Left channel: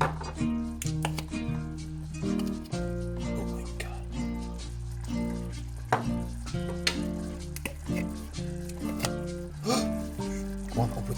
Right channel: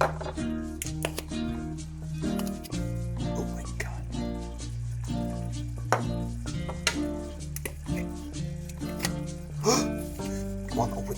Oh my god. Come on, open.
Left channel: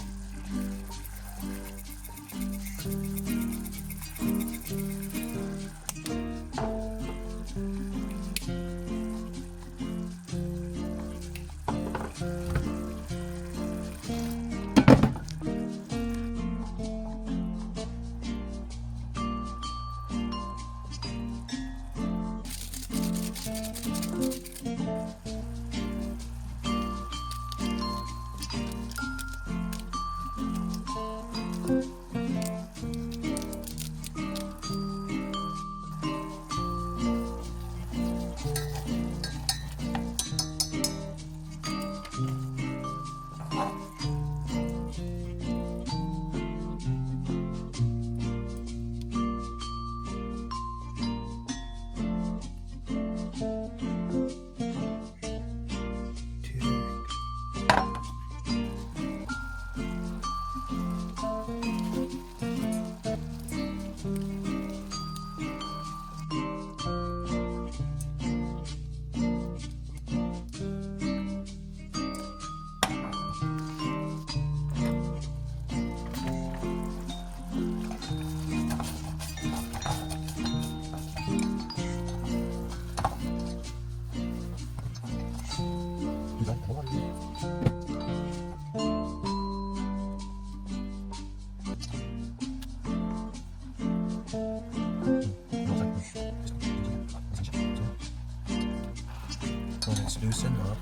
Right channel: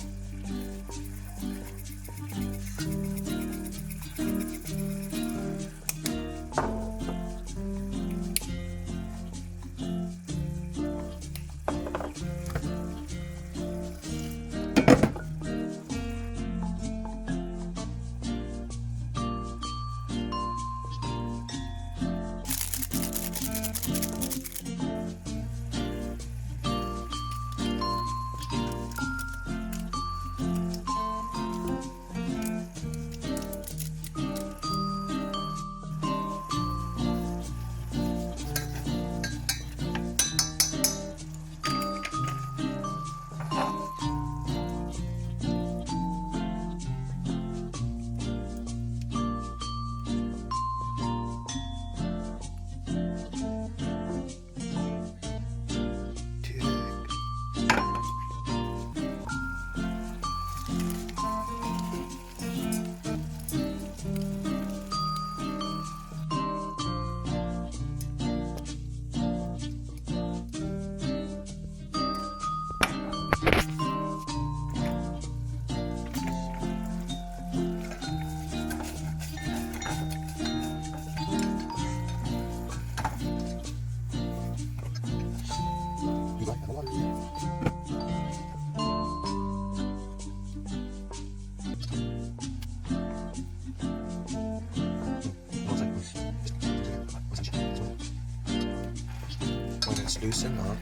When it's loosened up,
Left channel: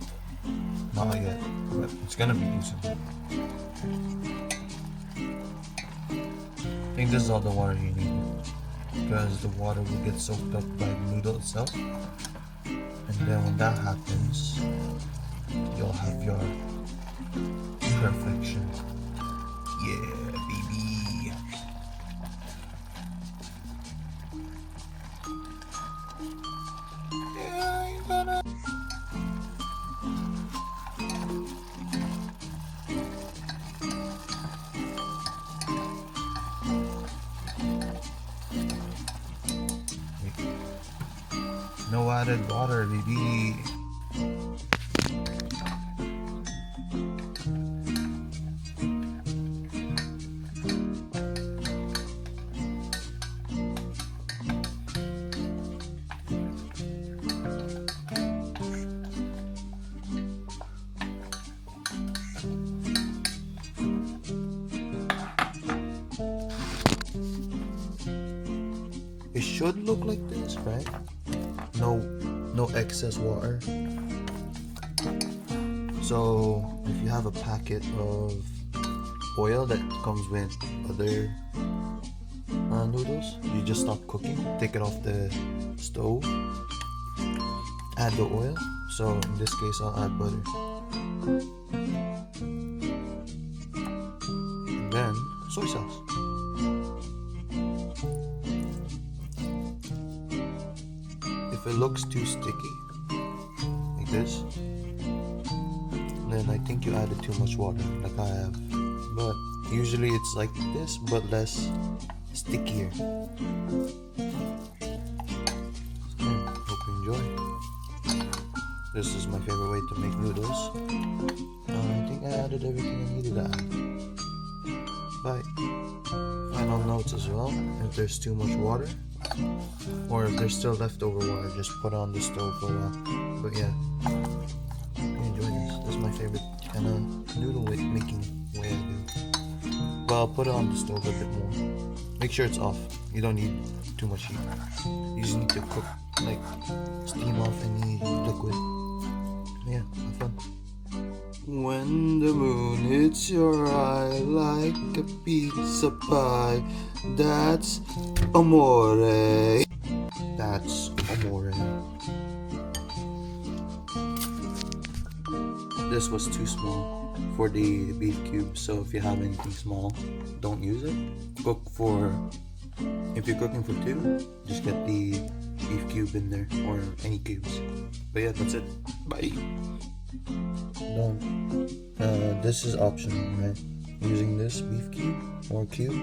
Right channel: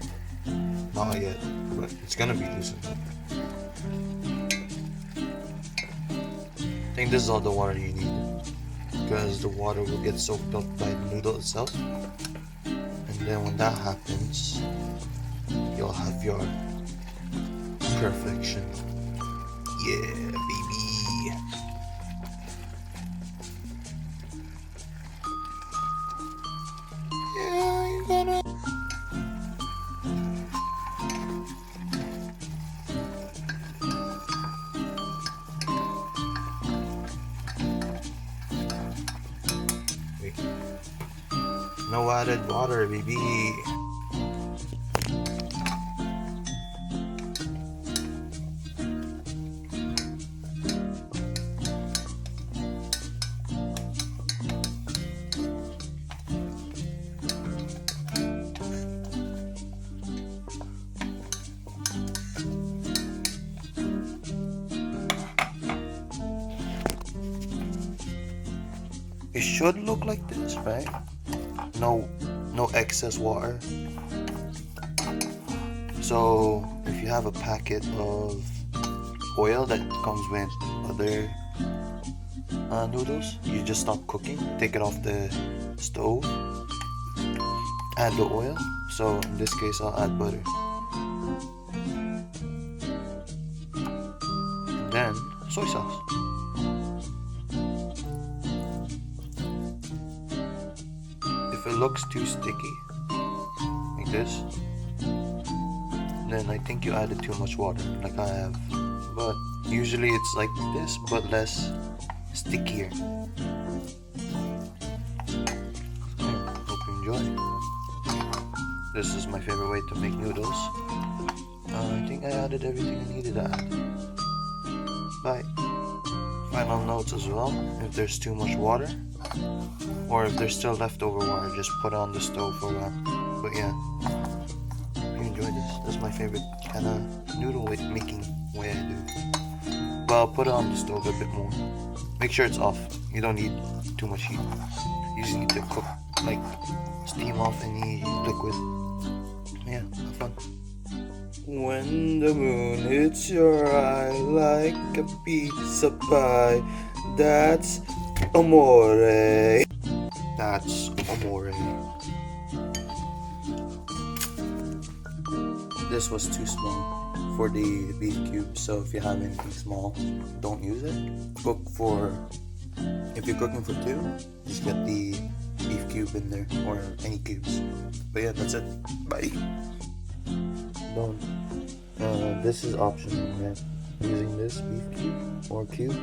not yet, but it's gonna be loosened up. I think this is all the water you need, because the water will get soaked up by the noodle itself, and then when that happens, you'll have your perfection. Yeah, baby. Yeah, you gotta. Wait. No added water, baby. It should look like this, right? No excess water. So if you have a packet of oil that comes with other noodles, you just stop cooking, take it off the stove, add the oil. So in this case, I'll add butter, and then soy sauce. If it looks too sticky, like this, then I think you added too much water, like I have. But usually it's like this, but less stickier. So, hope you enjoy. This is my favorite way to make noodles. I think I added everything I needed to add. Bye. Final notes as well, if there's too much water, or if there's still leftover water, just put it on the stove for a while. But yeah, if you enjoy this, this is my favorite kind of noodle making way I do. But I'll put it on the stove a bit more. Make sure it's off. You don't need too much heat. You just need to cook, like steam off any liquid. Yeah, have fun. When the moon hits your eye like a pizza pie, that's amore. That's amore. This was too small for the beef cube, so if you have anything small, don't use it. If you're cooking for two, just get the beef cube in there, or any cubes. But yeah, that's it. Bye. This is optional, right? Using this beef cube or cube